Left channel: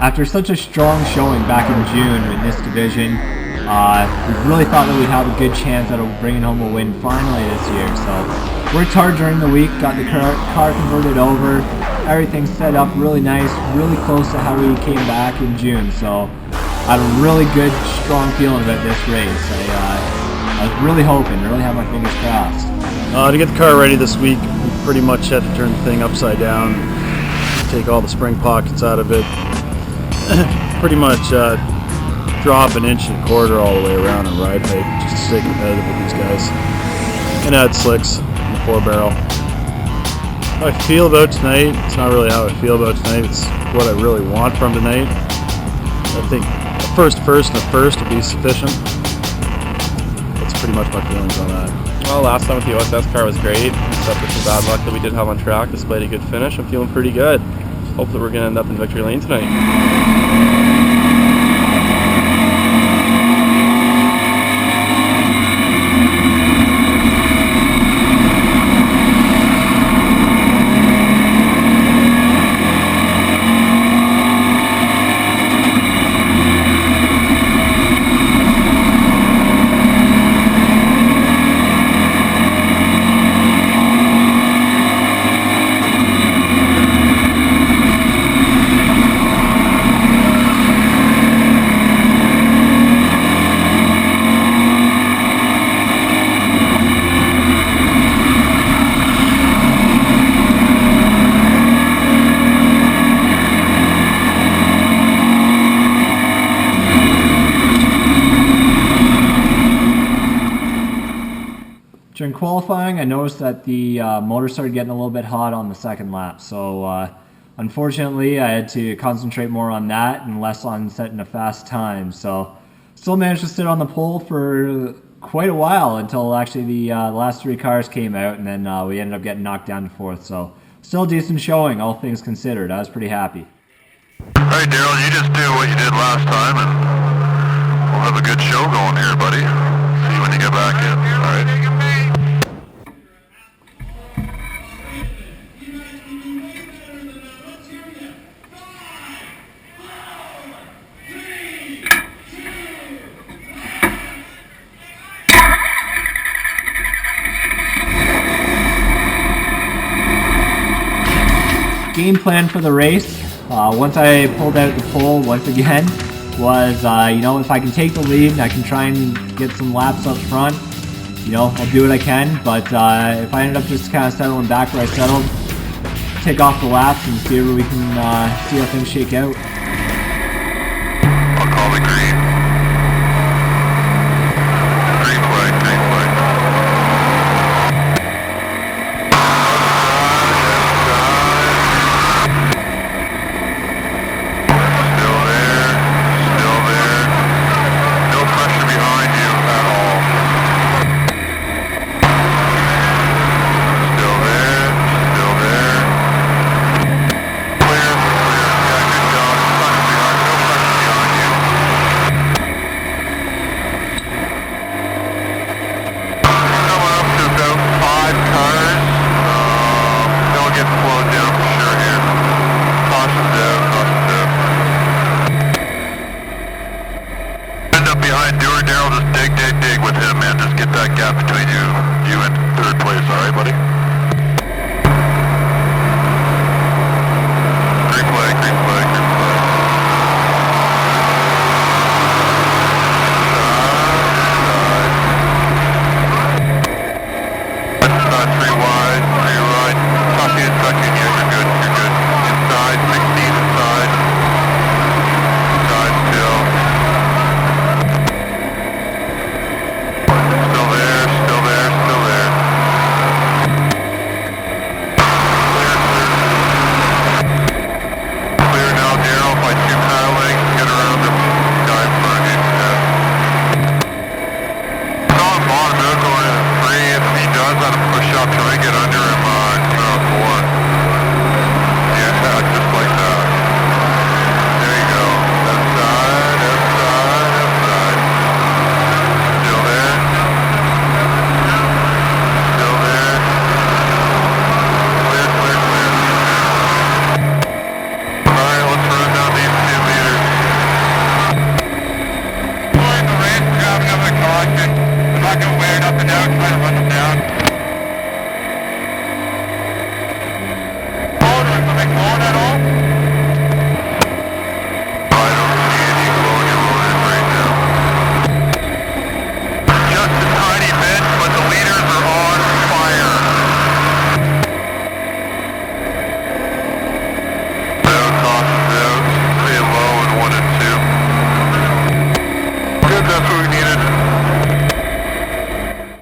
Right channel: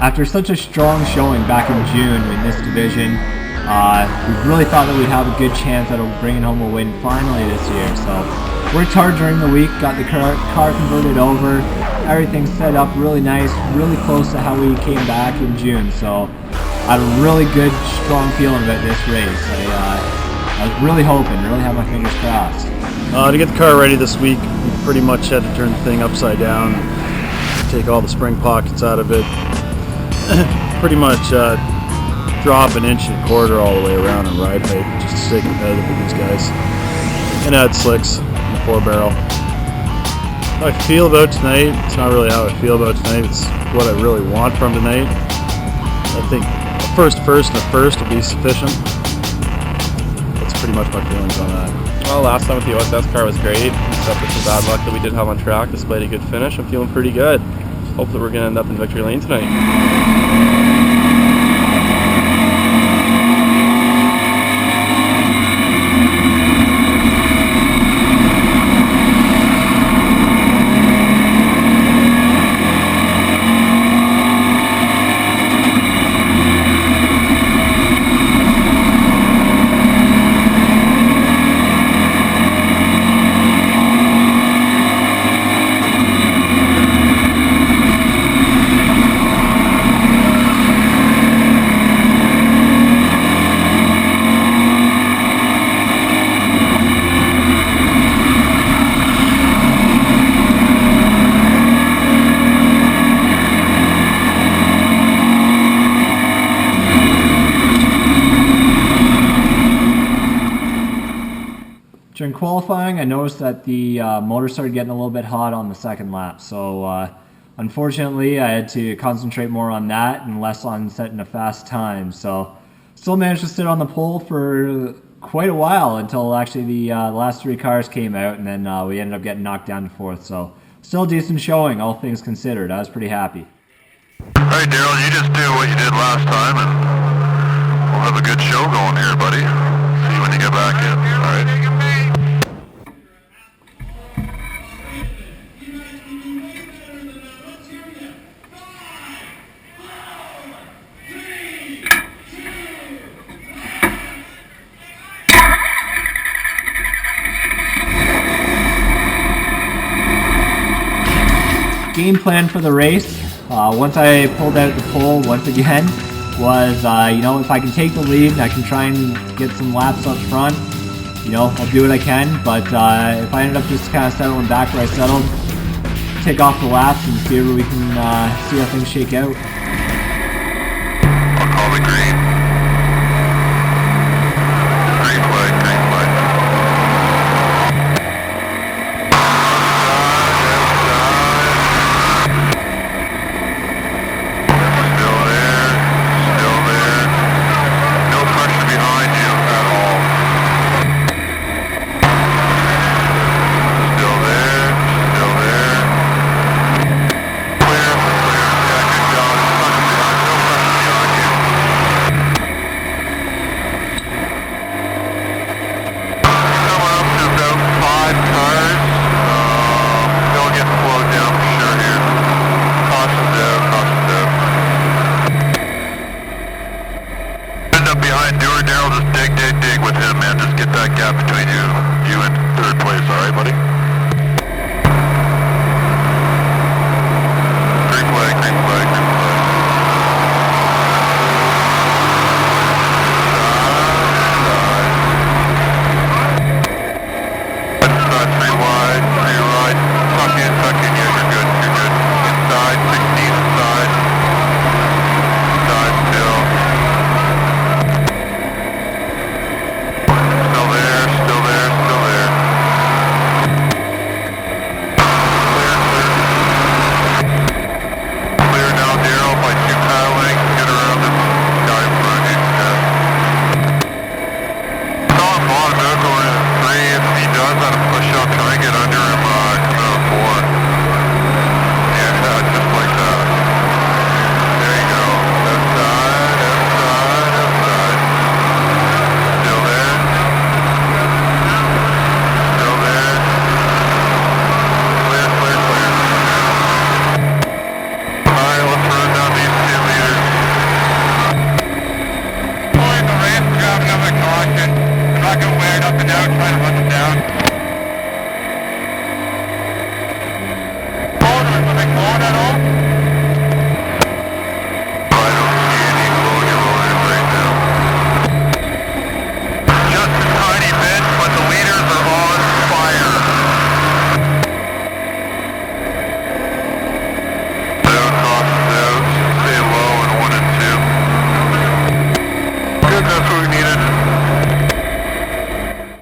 After such a strong showing back in June in this division, we really thought that we'd have a good chance at bringing home a win finally this year. So worked hard during the week, got the car converted over, everything set up really nice, really close to how we came back in June. So I had a really good, strong feeling about this race. I was really hoping, really had my fingers crossed. To get the car ready this week, we pretty much had to turn the thing upside down, take all the spring pockets out of it, pretty much drop 1.25 inches all the way around in ride height just to stay competitive with these guys, and add slicks in the 4-barrel. How I feel about tonight, it's not really how I feel about tonight, it's what I really want from tonight. I think a first and a first will be sufficient. That's pretty much my feelings on that. Well, last time with the OSS car was great, except for some bad luck that we did have on track. Despite a good finish, I'm feeling pretty good. Hope that we're going to end up in victory lane tonight. During qualifying, I noticed that the motor started getting a little bit hot on the second lap, so unfortunately I had to concentrate more on that and less on setting a fast time. So still managed to sit on the pole for quite a while until actually the last 3 cars came out, and then we ended up getting knocked down to 4th. So still a decent showing, all things considered. I was pretty happy. Game plan for the race, once I pulled out the pole once again, was, if I can take the lead and I can try and get some laps up front, I'll do what I can. But if I ended up just kind of settling back where I settled, take off the laps and see where we can see how things shake out.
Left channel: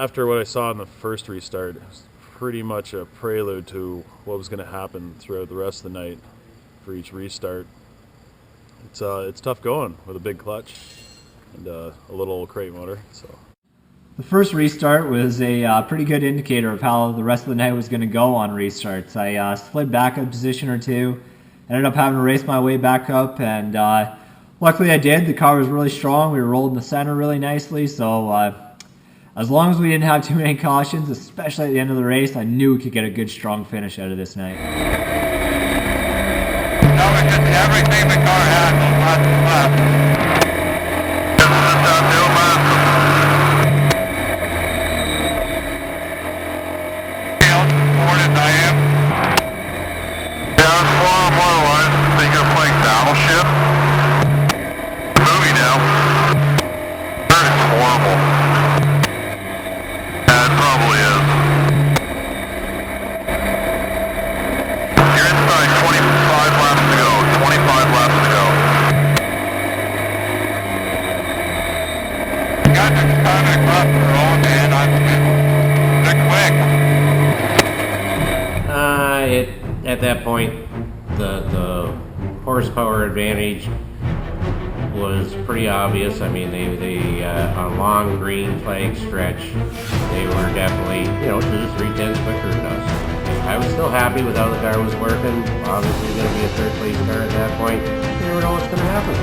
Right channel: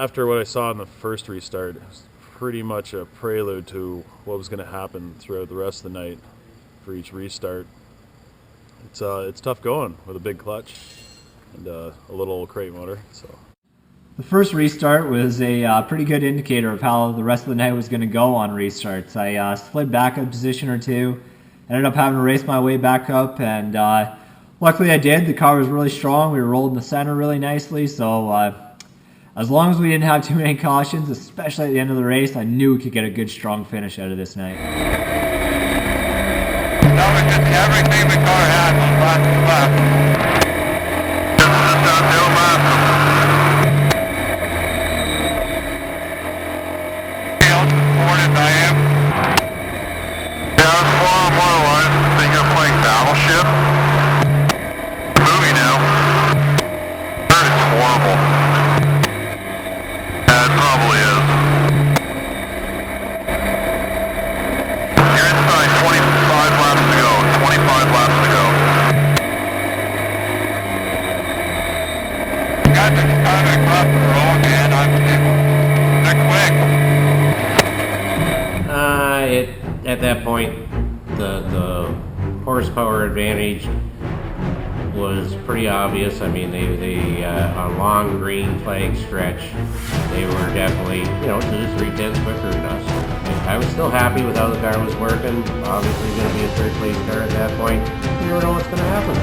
After what I saw in the first restart, it was pretty much a prelude to what was going to happen throughout the rest of the night for each restart. It's tough going with a big clutch and a little crate motor. So the first restart was a pretty good indicator of how the rest of the night was going to go on restarts. I slid back a position or two, ended up having to race my way back up, and luckily I did. The car was really strong. We were rolled in the center really nicely, so as long as we didn't have too many cautions, especially at the end of the race, I knew we could get a good strong finish out of this night. At that point, the horsepower advantage was pretty obvious. I mean, they on a long green flag stretch, they were definitely 2 to 3 tenths quicker than us. And I was still happy with how the car was working. Obviously, going to be a third place car at that point. You never know what's going to happen.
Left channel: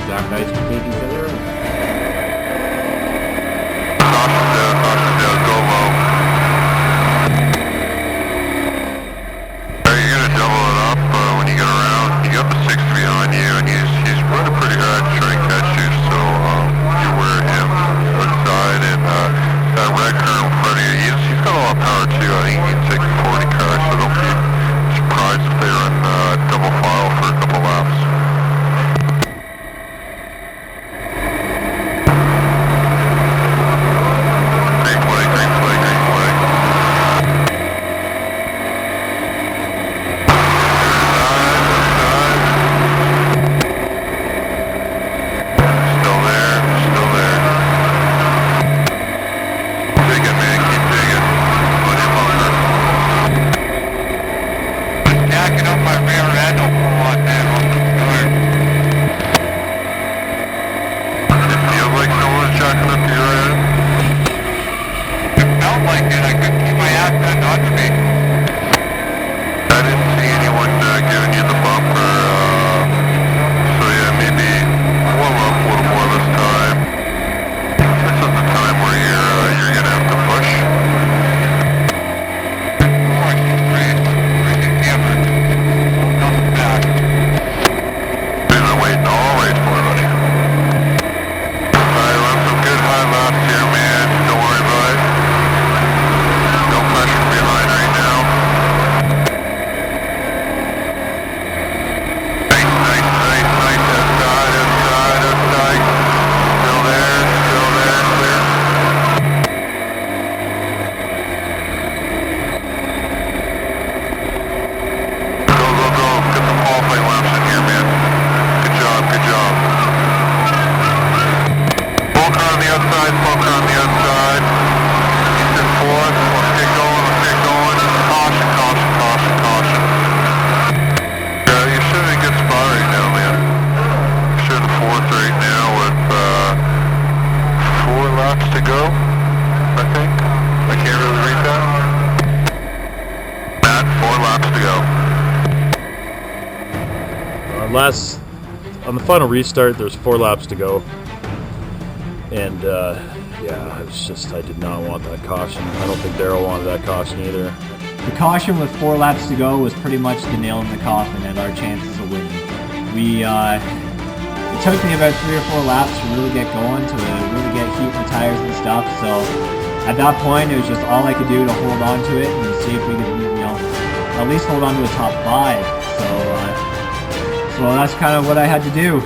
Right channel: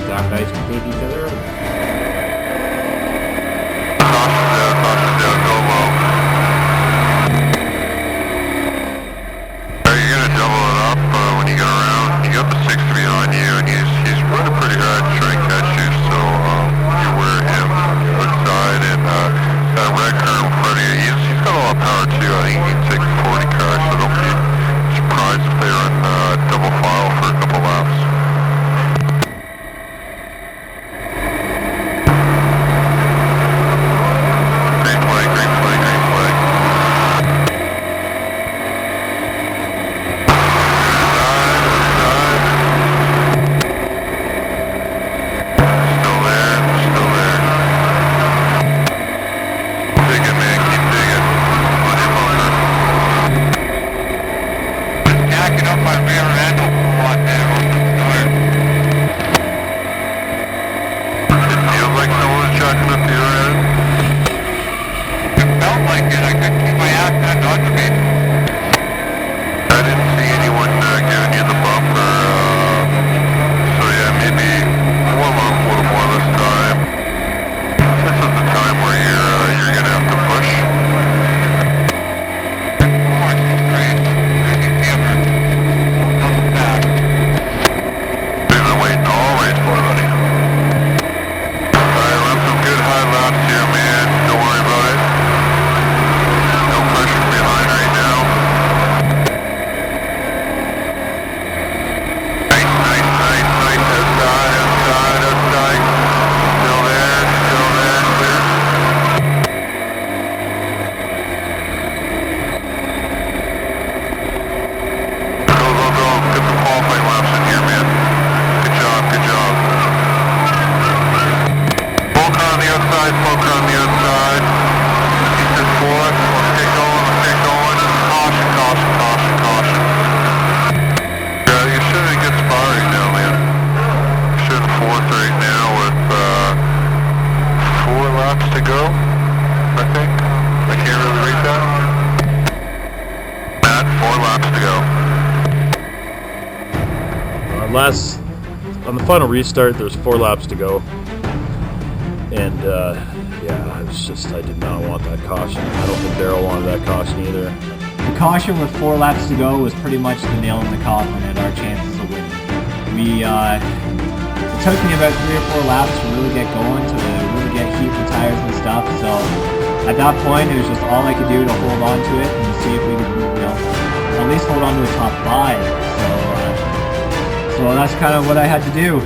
The top guys can take each other out. On the final restart, there's 4 laps to go, and I did not want that caution. I don't think Darrell wanted that caution either. The caution with 4 laps to go was pretty much the nail in the coffin at our chances of winning. It took me about 3 or 4 laps to really get going, to really get heat in the tires and stuff, so at that point it was just all I could do to hold on to it and see if we could, at least hold on to a top 5. So that's kind of what I had to do.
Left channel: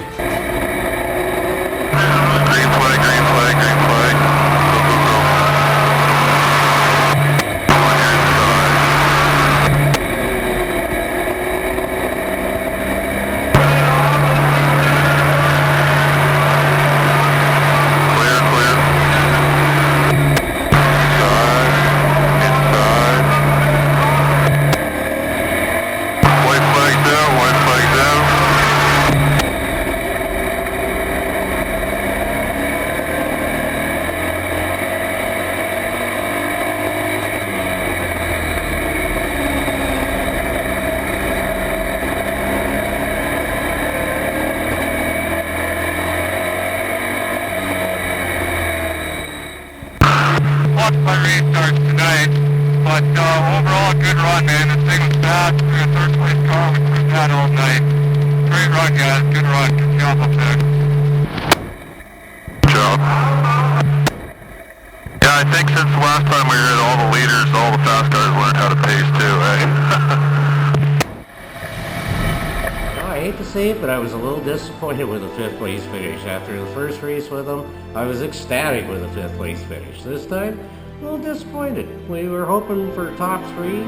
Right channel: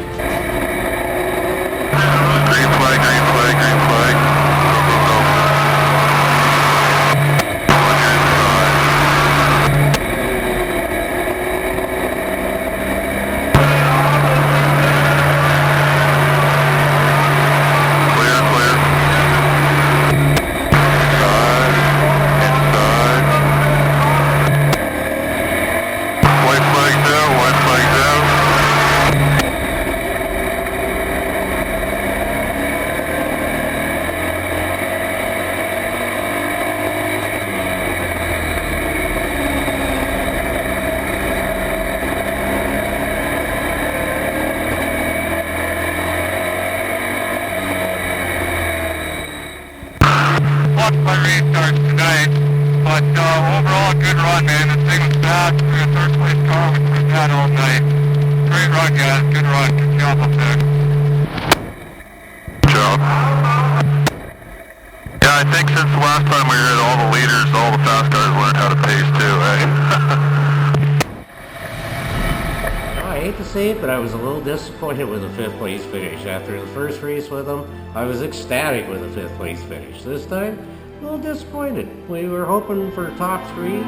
hate to say it, but I was a little disappointed with the 5th place finish. After the first race with them, I was ecstatic with the 5th place finish. This time, a little disappointed. We were hoping for top 3.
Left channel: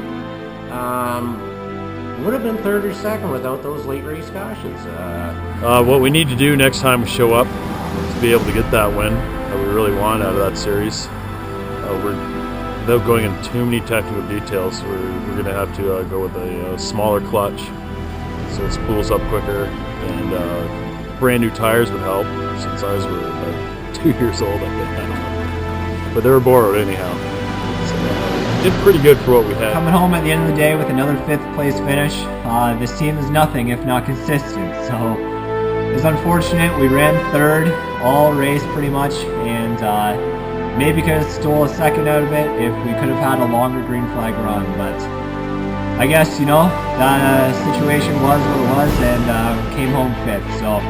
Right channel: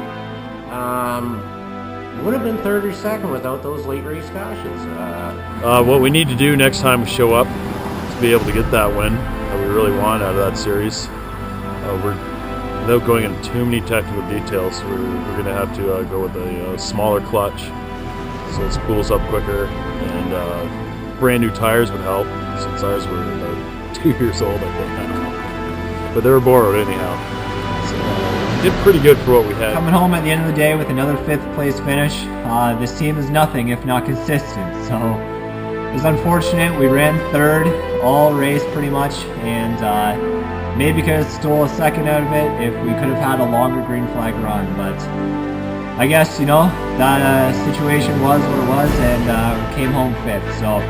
Would have been 3rd or 2nd without those late race cautions. What we need to do next time we show up to be able to get that win that we really want out of that series, without going into too many technical details, we're going to have to go with a smaller clutch so it spools up quicker, and brand new tires would help since ours were about 2 years old, I think. I don't know. But they were borrowed anyhow. So did pretty good for what we had. Coming home at the end of the day with another 5th place finish. This team is nothing if not consistent. So it's unfortunate. We ran 3rd all race pretty much, and maybe could have stole a 2nd out of it if we could have had a longer green flag run. But I guess, that situation was what it was, and came home 5th. So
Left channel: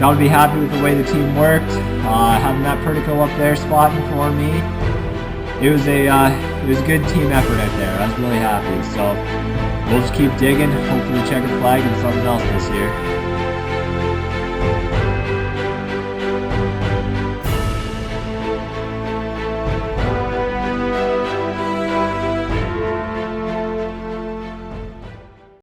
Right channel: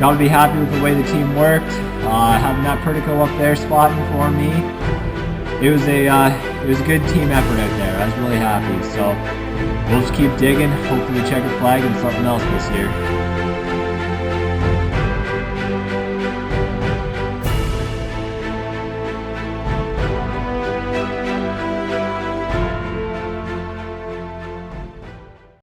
gotta be happy with the way the team worked. Having that Pertico up there spotting for me, it was a good team effort out there. I was really happy. So we'll just keep digging. Hopefully check a flag and something else this year.